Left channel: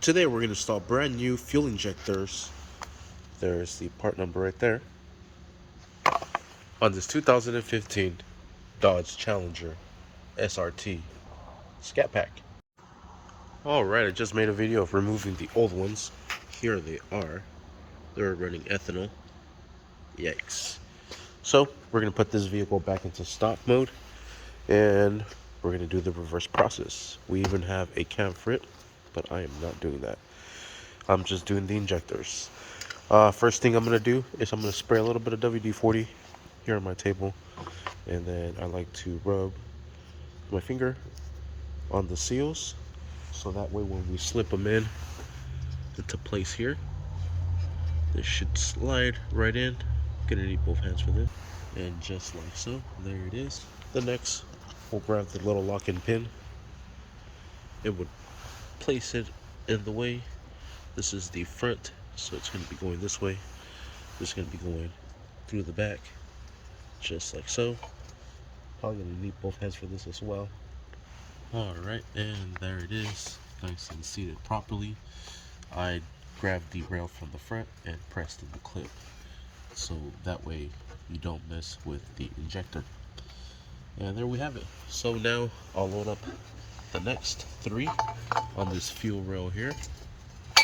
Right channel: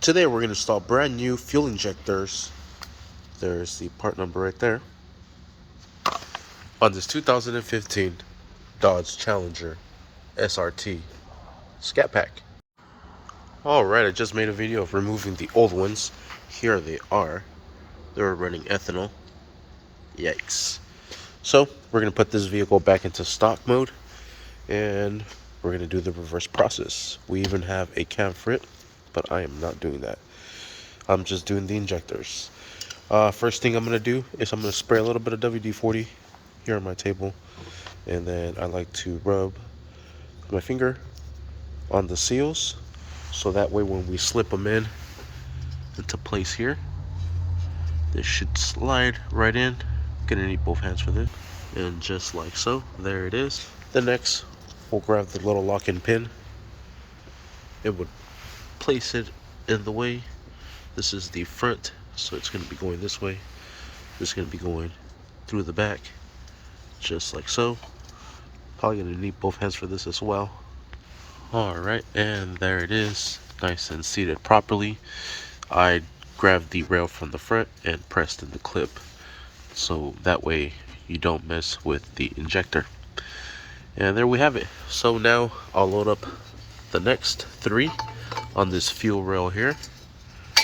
Today we're going to install brand new fuel injectors. There's the part number right there. On this 2015 Dodge Challenger SRT Scat Pack. Alright, I just made a video of removing the old ones. Here they are. They're running ethanol. Yikes. So we're going to put this vehicle back into stock mode and we're going to do the reverse process. We even have a cam for it, but I am not doing that. I'm just doing the injectors. First thing I'm going to do is I'm going to spray a little bit of WD-40 here on my table, and then I like to rub my finger on the seals so that way when we slip them into place here, this should slide right in. Gonna need both hands for this, and just like so, there it is. The next, we'll grab the little lock-in pin. It would place it in the way. This is the front, so it's going to be going this way. It's going to be going through the back, just like so. Probably going to need both hands for this as well. Alright, and there it is, nice and seated properly. I grabbed the rail from the front and pressed in the clip, so that way you don't mess with the injector. And there we have it. So now I'll load up the next three on this fuel rail here,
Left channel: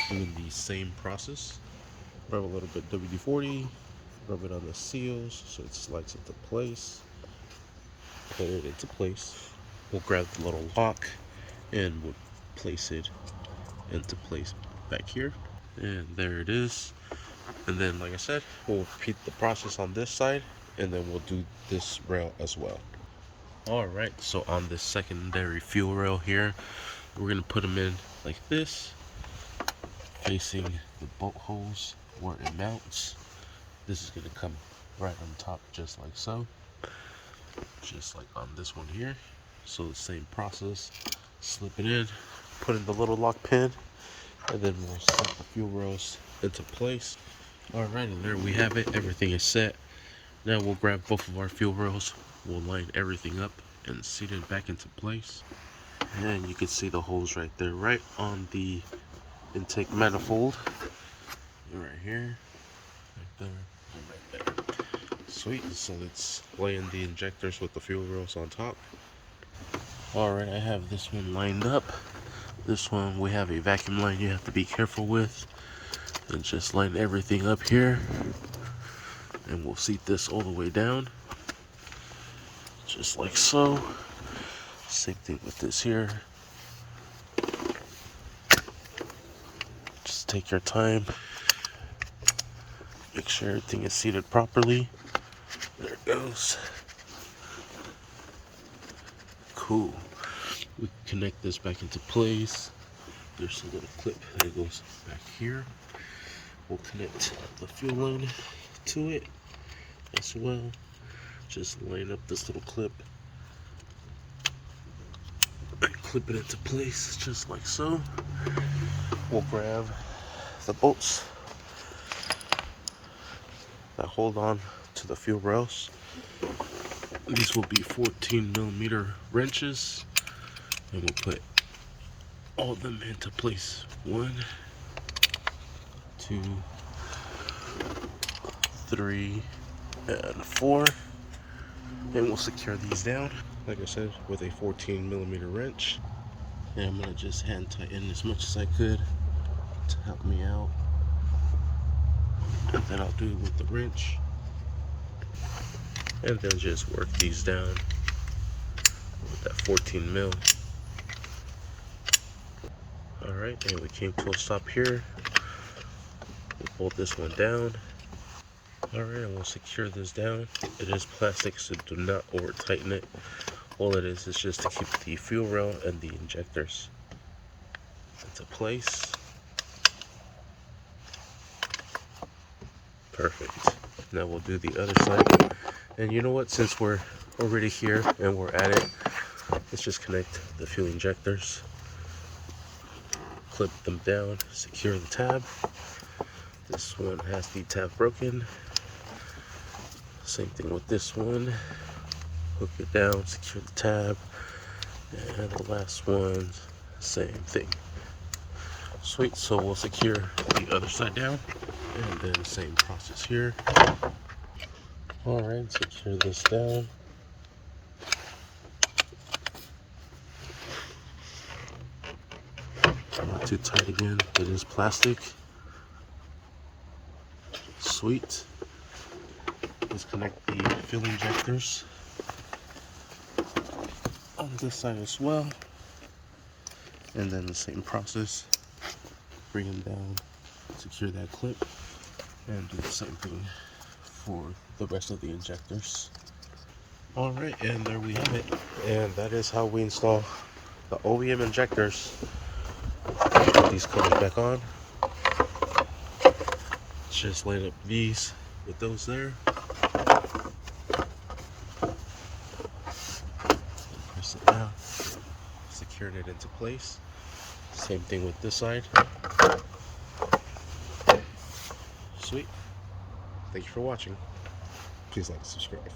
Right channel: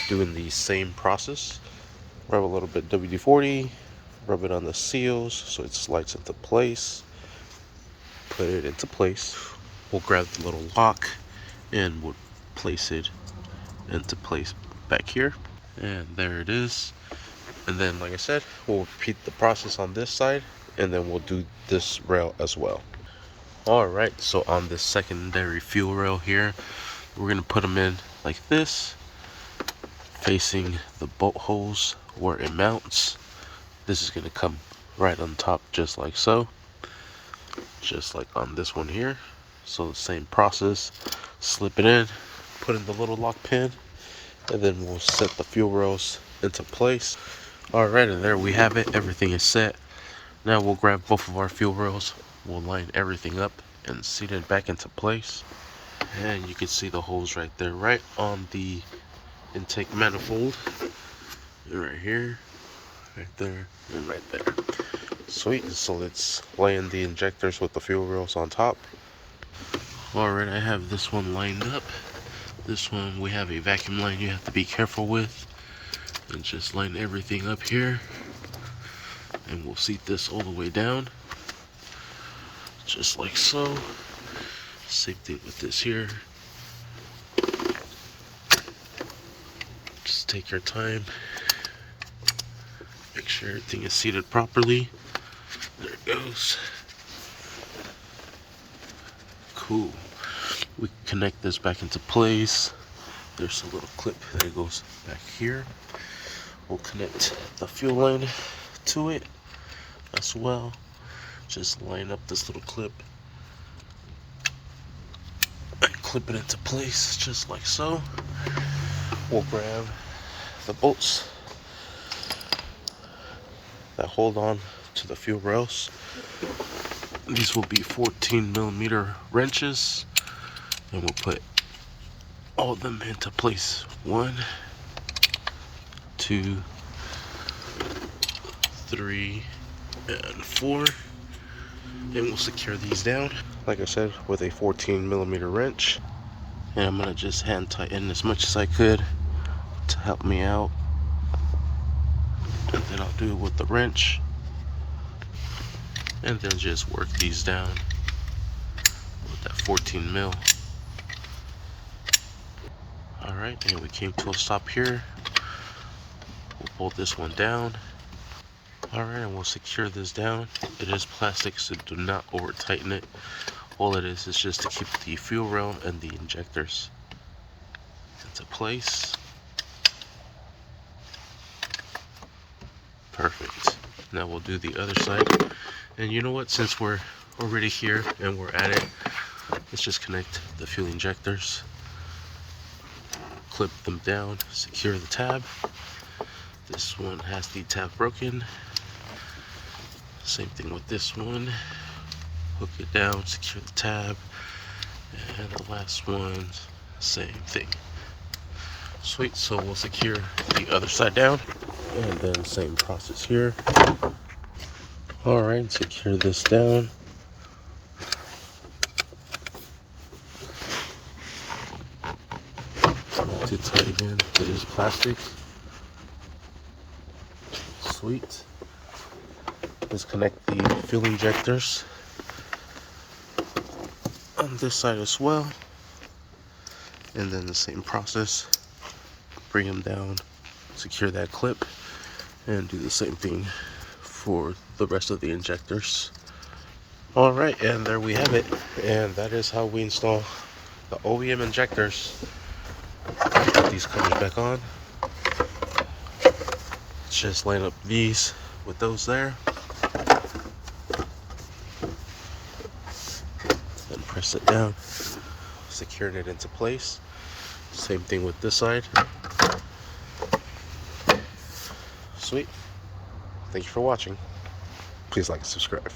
doing the same process. Rub a little bit WD-40, rub it on the seals so it slides into place. Put it into place. We'll grab the little lock and we'll place it into place back here. And there it is. And then, like I said, we'll repeat the process on this side, and then we'll do this rail as well. Alright, so on this secondary fuel rail here, we're going to put them in like this, facing the bolt holes where it mounts. This is going to come right on top, just like so. Just like on this one here. So the same process, slip it in, put in the little lock pin, and then we'll set the fuel rails into place. Alright, and there we have it. Everything is set. Now we'll grab both of our fuel rails, we'll line everything up and seat it back into place. And you can see the holes right there, right on the intake manifold. And right here, right there, and right there. Sweet, so let's lay in the injectors with the fuel rails on top. Alright, I have this one lined up. This one we have a vacuum line you have to be careful with. And just line everything up here. And we'll seat this all the way down. Just like so. Same thing with this here. Just take your time. Make sure everything is seated properly. There it goes. Cool. We connect this back into place. There's a little clip that goes back here. We'll connect the fuel line to it as well. Just line up this little clip and clip it into place just like so. We'll grab the bolts that hold on to the fuel rails. These will be 14mm wrenches, and we'll put all of them into place. 1, 2, 3, and 4. And we'll secure these down, like I said, with a 14mm wrench. And I'm gonna just hand tighten as much as I could to help me out. And then I'll do it with the wrench. And then just work these down with that 14mm. Alright, and we came to a stop here. We'll bolt this one down. Alright, and we'll secure this down. It is plastic, so do not over tighten it. All it is just to keep the fuel rail and the injectors into place. Perfect. Now we'll do the other side. And you know what, since we're already here and we're at it, let's just connect the fuel injectors. Clip them down, secure the tab. This one has the tab broken. Same thing with this one. Hook it down, secure the tab. And the last one, same thing. Sweet, so we'll secure the other side down, and then same process here. Alright, secure this down. Not too tight again, it is plastic. Sweet. Let's connect the fuel injectors on this side as well. And then the same process. Bring them down, secure that clip, and do the same thing for the rest of the injectors. Alright, and there we have it. And that is how we install the OEM injectors. Put these covers back on. Just line up these with those there. Then press it down, securing it into place. Same thing with this side. Sweet. Thank you for watching. Please like and subscribe.